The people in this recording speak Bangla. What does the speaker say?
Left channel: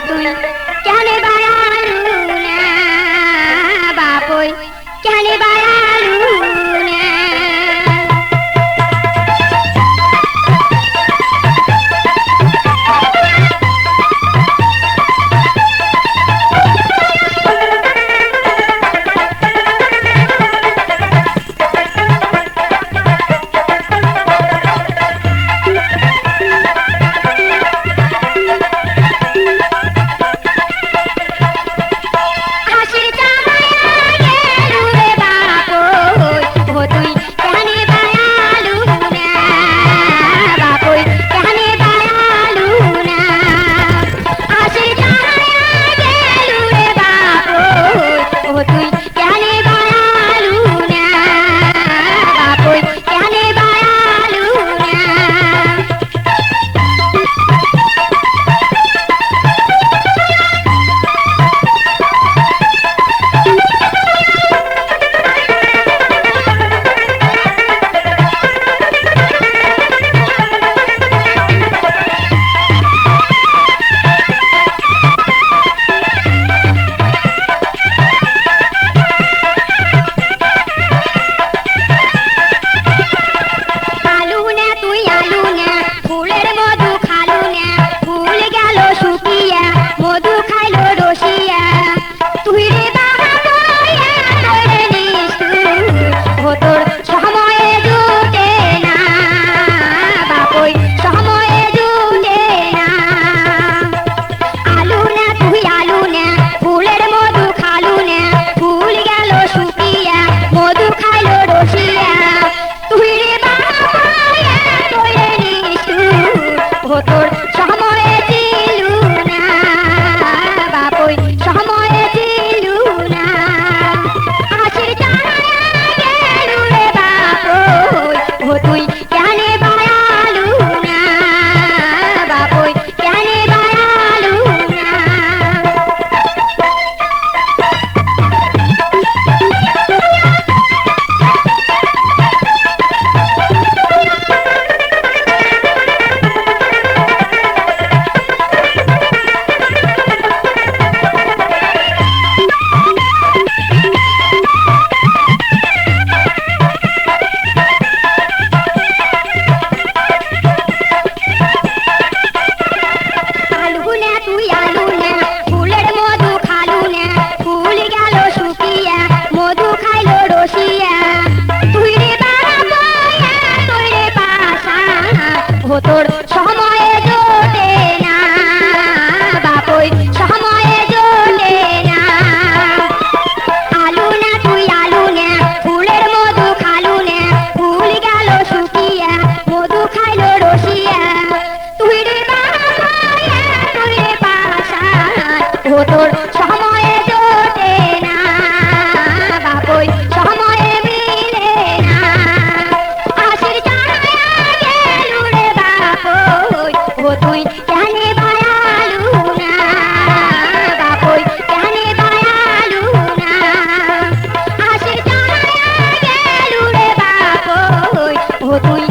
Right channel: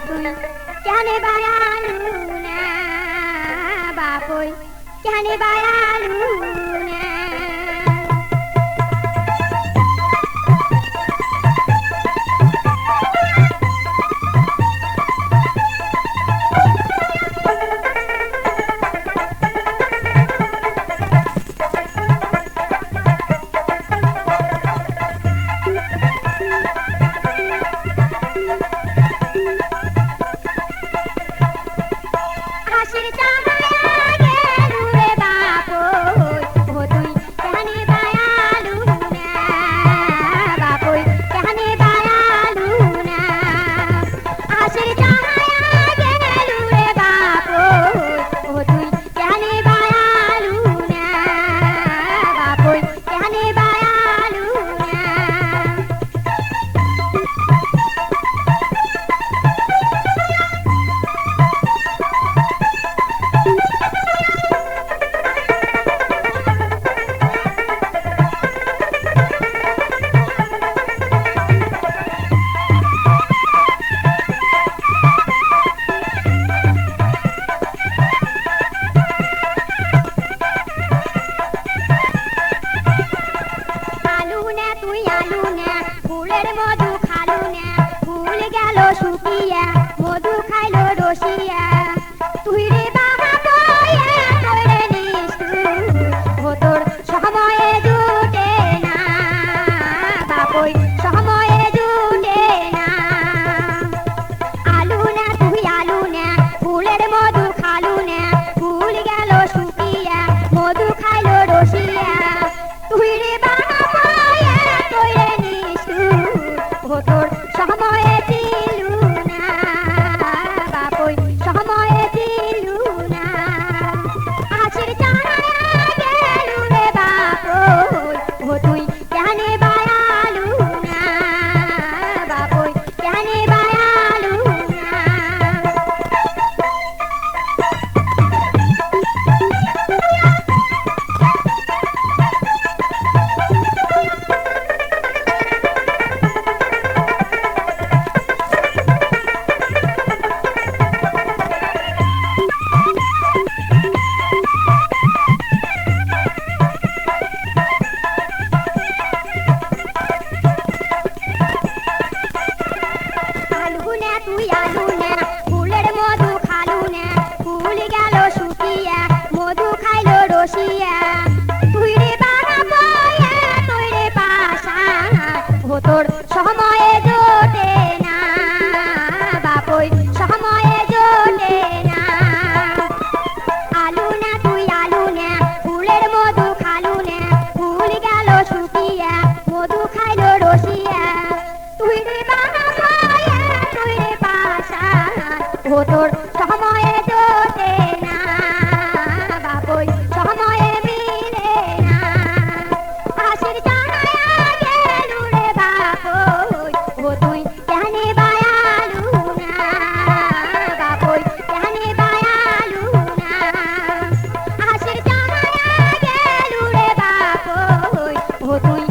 তুই কেন বায়ালু না বাপই কেন বায়ালু না তোর সময়ে জোটে না বাপই সময়ে জোটে না আলু না তুই আলু না ফুলের মধু খালু না ফুল গেল শুকিয়া মধু খাইলো রসিয়া তুই রে তুই রে পাশা ও তোর সময়ে জোটে না বাপই সময়ে মিলে না আশির ও তুই কেন বায়ালু না বাপই কেন বায়ালু না আশির জানা গেলু রে বাপই ও তুই